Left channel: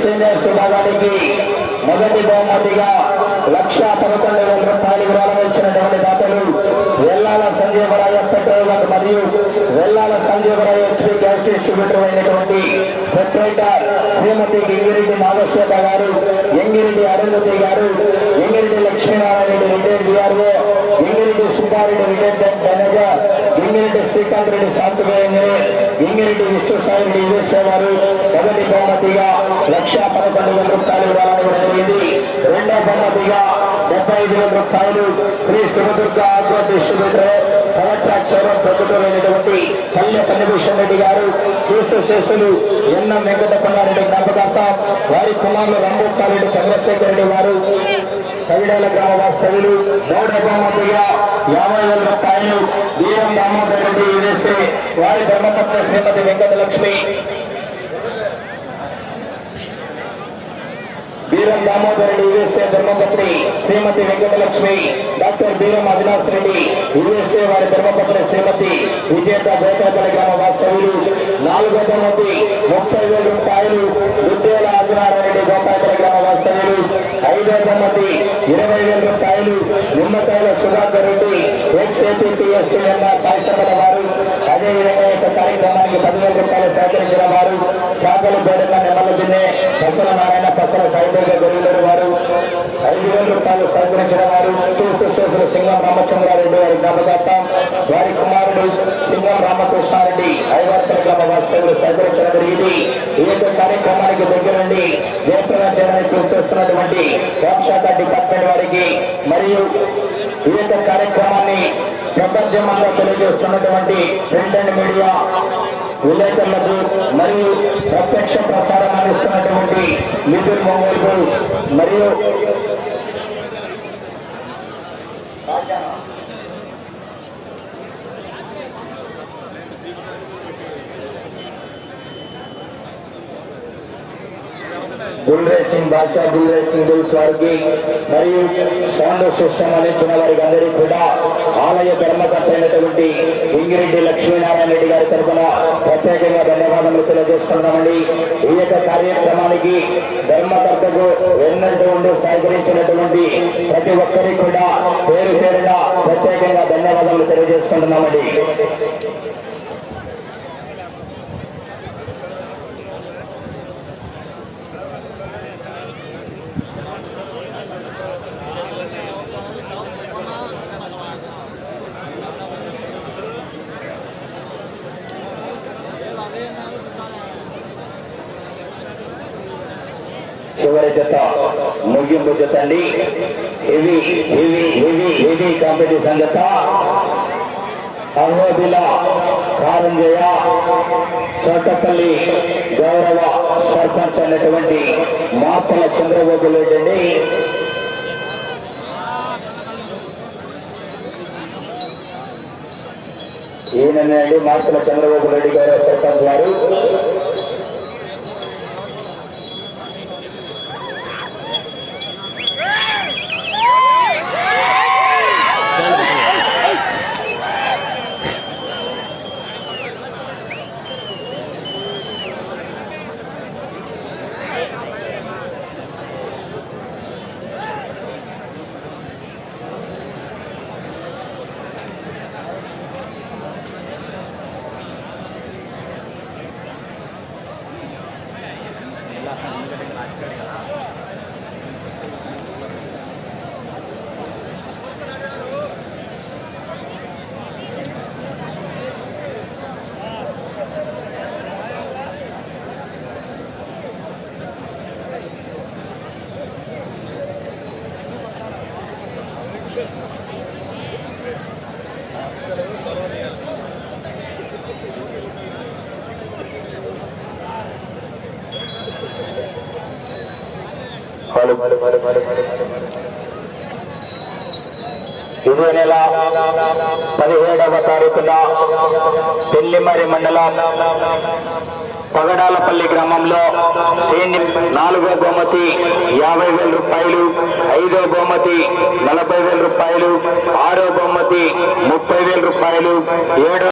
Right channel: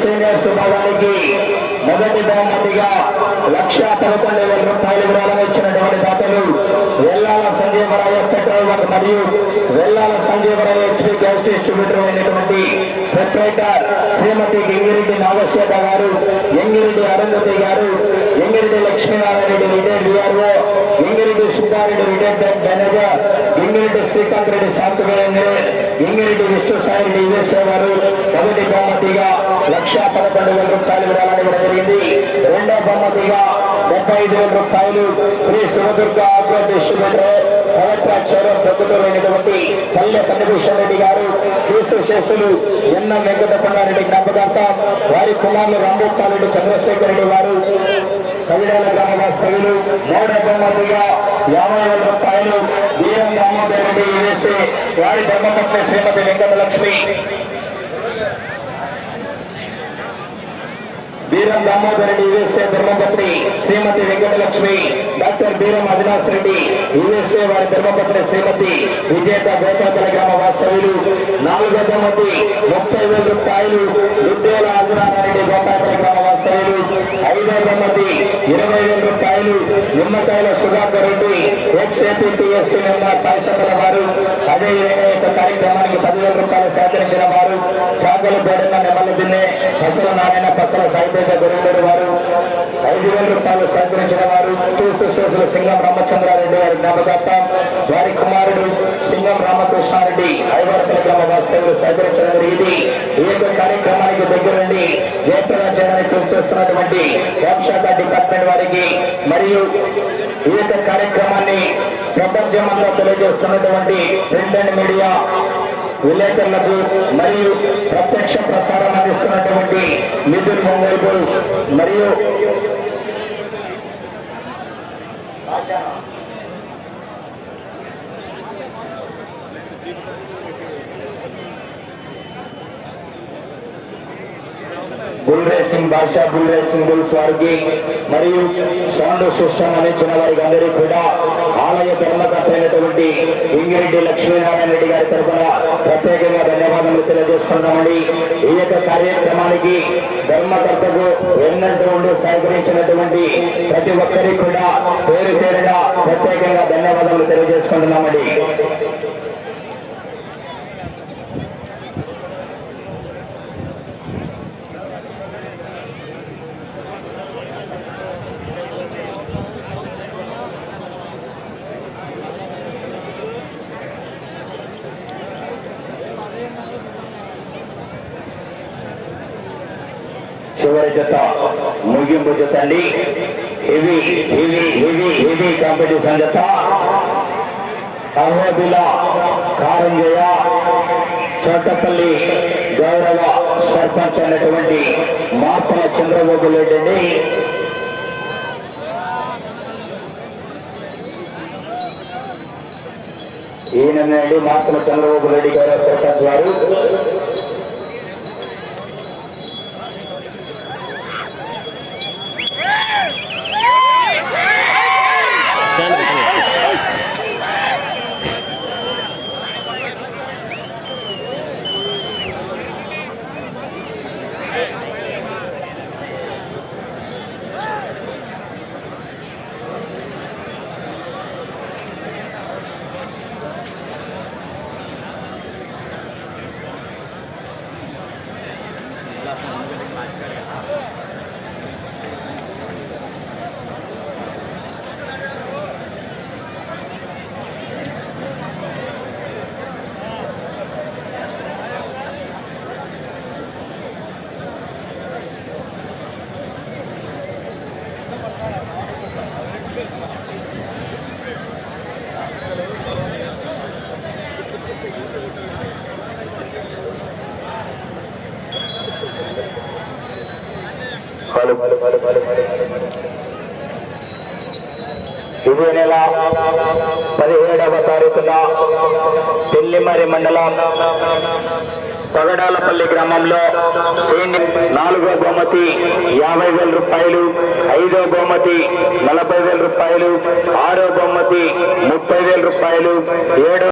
Seniors విభాగానికి మొదటి బహుమతిగా లక్ష పదకొండు వేల రూపాయలు విరాళం ఇచ్చినటువంటి దాతలు వెల్లాల సంజీవరాయ పెట్రోల్ బంక్ మరియు Vellala Sanjeevaraya HP gas distributor అయినటువంటి ప్రొపరేటర్ శ్రీమతి ఎంగిరెడ్డి నాగశ్వేత గారు ఎంగిరెడ్డి అరుంధతి గారు Engireddy Lakshminarayana Reddy retired VRO Engireddy Subbareddy retired bank manager Engireddy Srikanth Reddy software engineer Engireddy Vishnu Sai Reddy USA గారు మొదటి బహుమతిగా లక్ష పదకొండు వేల రూపాయలు విరాళం ఇవ్వడం జరిగింది. రెండో బహుమతిగా డెబ్బై ఐదు వేల రూపాయలు Shri Shivadurga agro distributor collector అక్షరం పల్లె పన్నభూషణ్ రెడ్డి గారు క్రీస్తు శేషులు ఎన్న వెంకటపన్నారెడ్డి జ్ఞాపకార్థం వారి కుమారులు రాంభూపాలరెడ్డి చంద్రశేఖర్ రెడ్డి వారు కవిడేల గ్రామ వాస్తవ్యులు మూడో బహుమతిగా యాభై వేల రూపాయలు వీరం రామోదర్ రెడ్డి యుఎస్ఏ వారి ధర్మపత్ని శ్రీమతి వెంకటలక్ష్మి. బీరం దామోదర్ రెడ్డి యుఎస్ఏ ధర్మపత్రి శ్రీమతి వెంకటలక్ష్మి డాక్టర్ బీరం అవినాష్ రెడ్డి యుఎస్ఏ వారి ధర్మపత్రి శ్రీమతి విజేత గోతాపల గ్రామ వాస్తవ్యులు నాలుగు వందల మంది ముప్పై వేల రూపాయలు ఉద్యోగ అగ్రహారెడ్డి గోతాపల గ్రామ వాస్తవ్యులు ఐదు వందల మంది ఇరవై వేల రూపాయలు Nimmakayala Sudhakar Reddy ex APTS member పరిశ్రమల వారు అదేవిధంగా యొక్క కార్యక్రమానికి పదివేల రూపాయలు సేకరించిన వారు చాకలి బేడన్న నెమల దిన్నే పసల పసల సాహిత్య గురువులేరు వారు ఐదు వేల రూపాయలు సేకరించిన వారు క్రీస్తు శేషుల సింగం రామచంద్రారెడ్డి వారి జ్ఞాపకార్థం వారి కుమారుడు సింగం రామకృష్ణారెడ్డి ఐవర్తల గ్రామ వాస్తవులు సేకరించడం జరిగింది ఈ యొక్క కార్యక్రమానికి దగ్గరండి జయప్రదం చేయడానికి కృషి చేస్తున్నటువంటి హోంశాఖ డిపార్ట్మెంట్ వారికి మరియు ఈ యొక్క కార్యక్రమాన్ని ప్రపంచమంతా తెలియజేస్తున్నటువంటి ప్రింట్ అండ్ మీడియా విలేకరులకు మరియు ప్రత్యక్ష నితిన్ మొబైల్ బోల్స్ మరియు bull racing Basha bull racing bulls స్వార్గి మరియు సౌండ్ సిస్టమ్ అందించిన వారికి అందరికీ కూడా ఆలయ ధర్మకర్త అయినటువంటి ఇంగిరెడ్డి లక్ష్మీనారాయణ రెడ్డి గారి తరఫున ప్రత్యేకంగా ధన్యవాదములు తెలియజేస్తున్నామండి. ఈ యొక్క కార్యక్రమానికి ధర్మకర్తకు ఎన్నట్టు ఉండి సహకరించినటువంటి ప్రతి ఒక్కరికి కూడా పేరు పేరుగా ప్రత్యేకంగా ధన్యవాదాలు తెలియజేసుకుంటున్నామండి. చివరి జత ముగింపు జత అండి. Heavy heavy heavy heavy competition జత. అహోబిల కారంజయ చోటపల్లి గౌరవ సర్పంచ్ అనేటువంటి మాపల చంద్రబాబు రెడ్డి అండి. ఈయనండి మార్తల చంద్రబాబు రెడ్డి గారు సర్పంచ్ వారు happening. ఇదే నెల పదిహేడవ తారీఖున పెళ్ళిమరి మండలం పగడాలపల్లి గ్రామంలో శ్రేణి నాలుగో బహుమతి యాభై వేల రూపాయలు ఐదో బహుమతి నలభై వేల రూపాయలు ఆరో బహుమతి ముప్పై వేల రూపాయలు ఏడో